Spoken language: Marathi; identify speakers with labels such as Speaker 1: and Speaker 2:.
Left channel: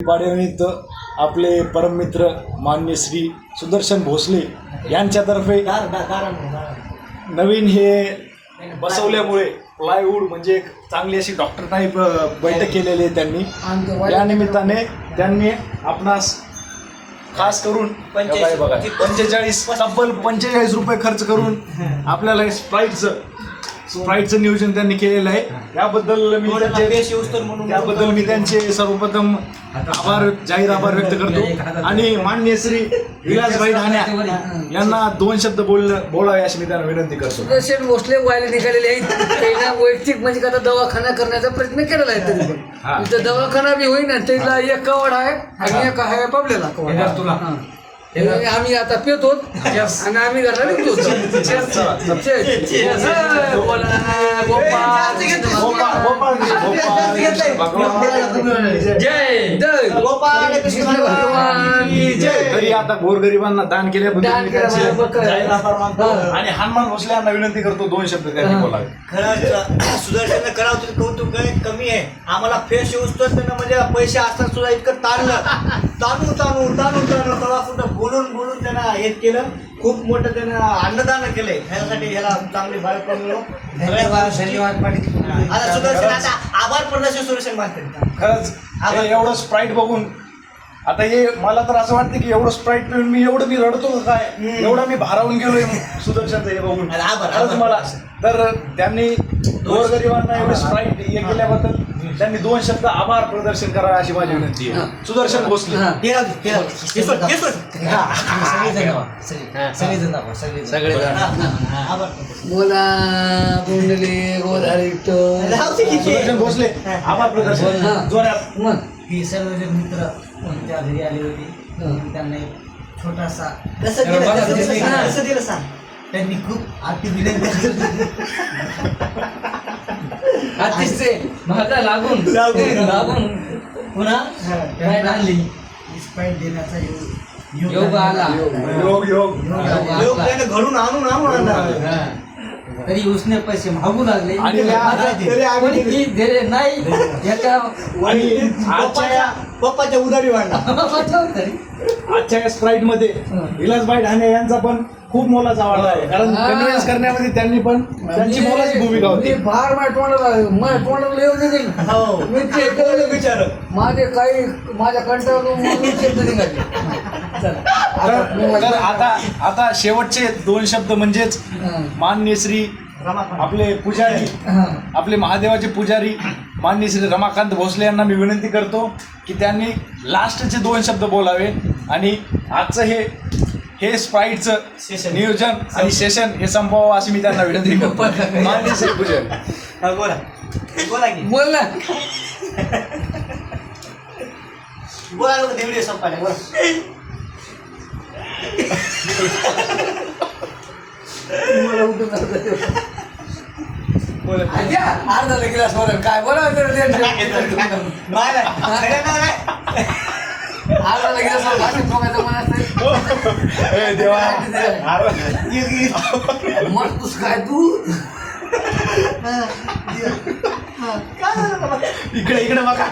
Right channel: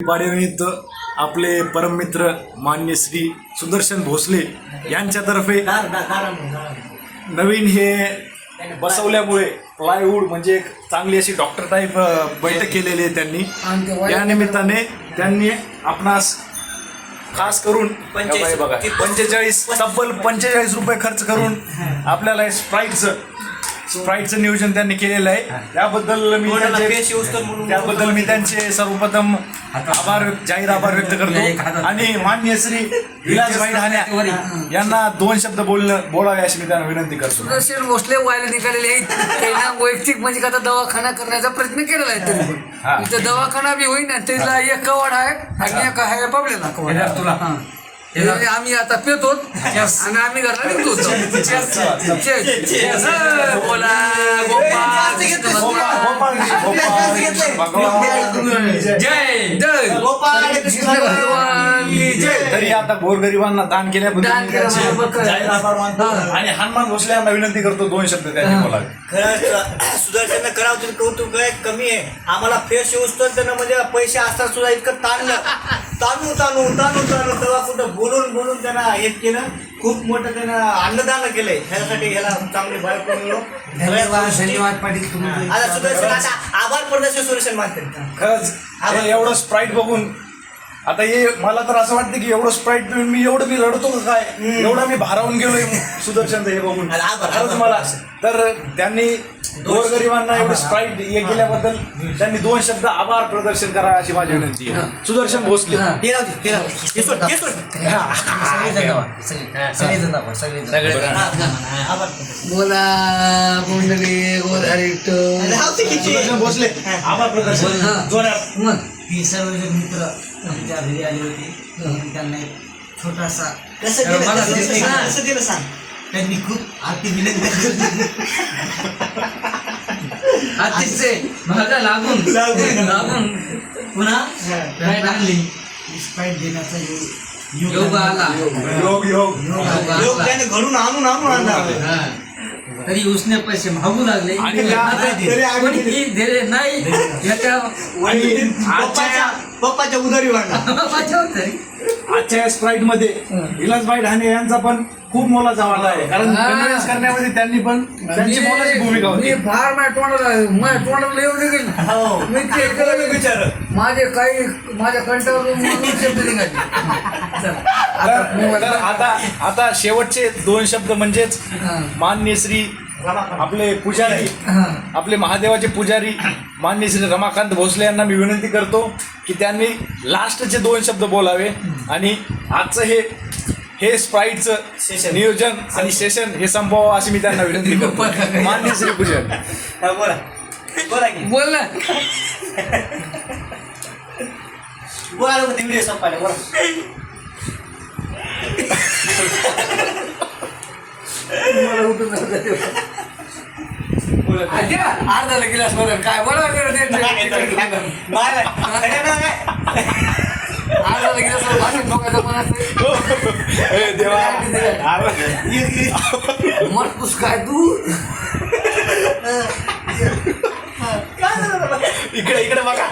Speaker 1: वाढीनिमित्त आपले परममित्र मान्य श्री सुदर्शन भोसले यांच्यातर्फे नवीन हे बसवल्यामुळे प्लायवूड म्हणजे एक चांगली अशी डॉक्टर टाईप बैठक केलेली आहे त्यांनी या निमित्ताने त्यांनी आपणास खास करून
Speaker 2: पंचेचाळीस.
Speaker 1: तब्बल पंचेचाळीस रुपये खर्च करून आपल्याला स्प्राईटचं स्प्राईटचं नियोजन त्यांनी केलेलं आहे. त्याबद्दल मी त्यांचे त्याबद्दल मी त्यांचे सर्वप्रथम आभार जाहीर आभार व्यक्त करतो. आणि मान्य श्री विलासभाई ठाण्या यांना दोन शब्द बोल बोलावे अशी मी त्यांना विनंती करतो.
Speaker 3: सुदर्शन भोसले व्हायला निघालेले आहेत. त्यांना वैयक्तिक म्हणजे आता दवाखाना करण्याचा प्रयत्न केलेला आहे तरी. पण. दवाखाना बी होईना त्याला एक कवड आहे आणि एक आहे पावलेला कवड
Speaker 4: तुला.
Speaker 3: आम्ही आता पितो. आणि आम्ही घरला निघतो. बोला, जय जय
Speaker 1: तरी आता गोरगरिबांना दान केल्याबद्दल आणि हनुमान भोसले यांना विनंती करतो दोन शब्द त्यांनी बोलावे
Speaker 2: खरंच सुदर्शन करावं कौतुक आहे कमी आहे आम्हाला फ्रेश येऊस तर त्यांना म्हणजे पैसे असतात सुद्धा इतकं ताणलं ताणू ताणू ताणू ताणू तेव्हा सुद्धा बोलून बोलून त्यांना हे केलं खूप मोठं त्यानं अन्नदान केलंय. ह्यासाठी ह्याला चांगली बायको मिळो
Speaker 4: धन्यवाद धन्यवाद पाटील
Speaker 2: आता सुदर्शन आता आभार प्रदर्शन सुदर्शन मानते.
Speaker 1: खरंच हे एवढं स्प्राईट बघून आता हे मला तर असं वाटतं की एवढं स्प्राईट पिऊन मी एवढं मी रडतो का काय? एवढं मी भारावून गेलोय. सुदर्शन हे बघून.
Speaker 2: अरे आभार,
Speaker 1: खरंच
Speaker 2: आभार.
Speaker 1: मला तर त्यांनी गोरगरिबांना एवढे स्प्राईट हे केल्याबद्दल त्यांनी दोन शब्द आभार प्रदर्शन करा अशी माझी विनंती आहे. सुदर्शन भोसले.
Speaker 2: राहू दे, राहू दे. हे सोड, हे सोड.
Speaker 4: सगळेजण दाबा, सगळे- सगळेजण दाबा, सगळेजण.
Speaker 2: हा, हा, आभार.
Speaker 3: बोला बोंडली गोधारी
Speaker 2: राहू दे की ते.
Speaker 1: सुदर्शन भोसले. आभार प्रदर्शन.
Speaker 3: हा.
Speaker 1: जोरात.
Speaker 3: मग.
Speaker 4: ही सर्वजण मित्र त्यांच्या घरी आले होते त्यांना एक छोटासा
Speaker 2: कसं दिलं
Speaker 4: बघा,
Speaker 2: कसं दिलं
Speaker 4: ते-
Speaker 2: सांग, कसं दिलं सांग
Speaker 4: त्यांनी खूप आरती विनंती केली. अतिशय माझा लागून
Speaker 2: लागून.
Speaker 4: लागून पुन्हा
Speaker 2: हा.
Speaker 4: भेट आणली स्पाईट देण्याचा योग योग आला
Speaker 1: योग योग
Speaker 4: योग
Speaker 2: लोक
Speaker 4: आला.
Speaker 2: त्याने घडून आणून आणून आणला
Speaker 4: हा. तरी उसने पैसे मागू लागले. कोणी
Speaker 2: दिले
Speaker 4: नाही. याच्या
Speaker 2: पप्पाच्या पप्पाच्या उधारी? वाढला
Speaker 1: आजच्या या स्प्राईटमध्ये विलासभाई ढाणे यांचा पण खूप मोलाचा वाटा आहे. कारण
Speaker 3: हा.
Speaker 1: करण्यामध्ये त्यांनी पण त्यांची मोलाची भूमिका
Speaker 3: मी
Speaker 1: होती
Speaker 3: फार माझ्या तोंडाला माझ्या तोंडाला येऊ दे
Speaker 2: हो.
Speaker 3: मी ते केलं.
Speaker 2: विचार
Speaker 3: माझे काही माझ्या कंठावरून म्हणून शब्द निघाले. चल, आता
Speaker 1: तर
Speaker 3: मोबाईल-
Speaker 1: तर आता आता शेवटचे दोन शब्द म्हणजेच
Speaker 3: हा.
Speaker 1: मान्य श्री आपले पुजारी. आपले महादेवाचे पुजारी मान्य श्री रमाकांत भोसले यांना मी विनंती करतो की त्यांनी लास्टचे दोन शब्द बोलावे आणि आजचं हे हे स्प्राईटचं
Speaker 2: सेशन.
Speaker 1: नियोजन आणि सेशन हे संपवावं अशी मी त्यांना विनंती करतो. मान्य श्री पुजारी
Speaker 2: बोला. बोला की.
Speaker 3: बोल ना.
Speaker 2: बोला व्हिडिओ संपायला. बोला.
Speaker 3: मला उठून जाऊ दे. आज्या, अर्धाला गिलास बोला काय?
Speaker 2: माय, खरं ना काय?
Speaker 3: तू?
Speaker 1: इकडे इकडे बघा.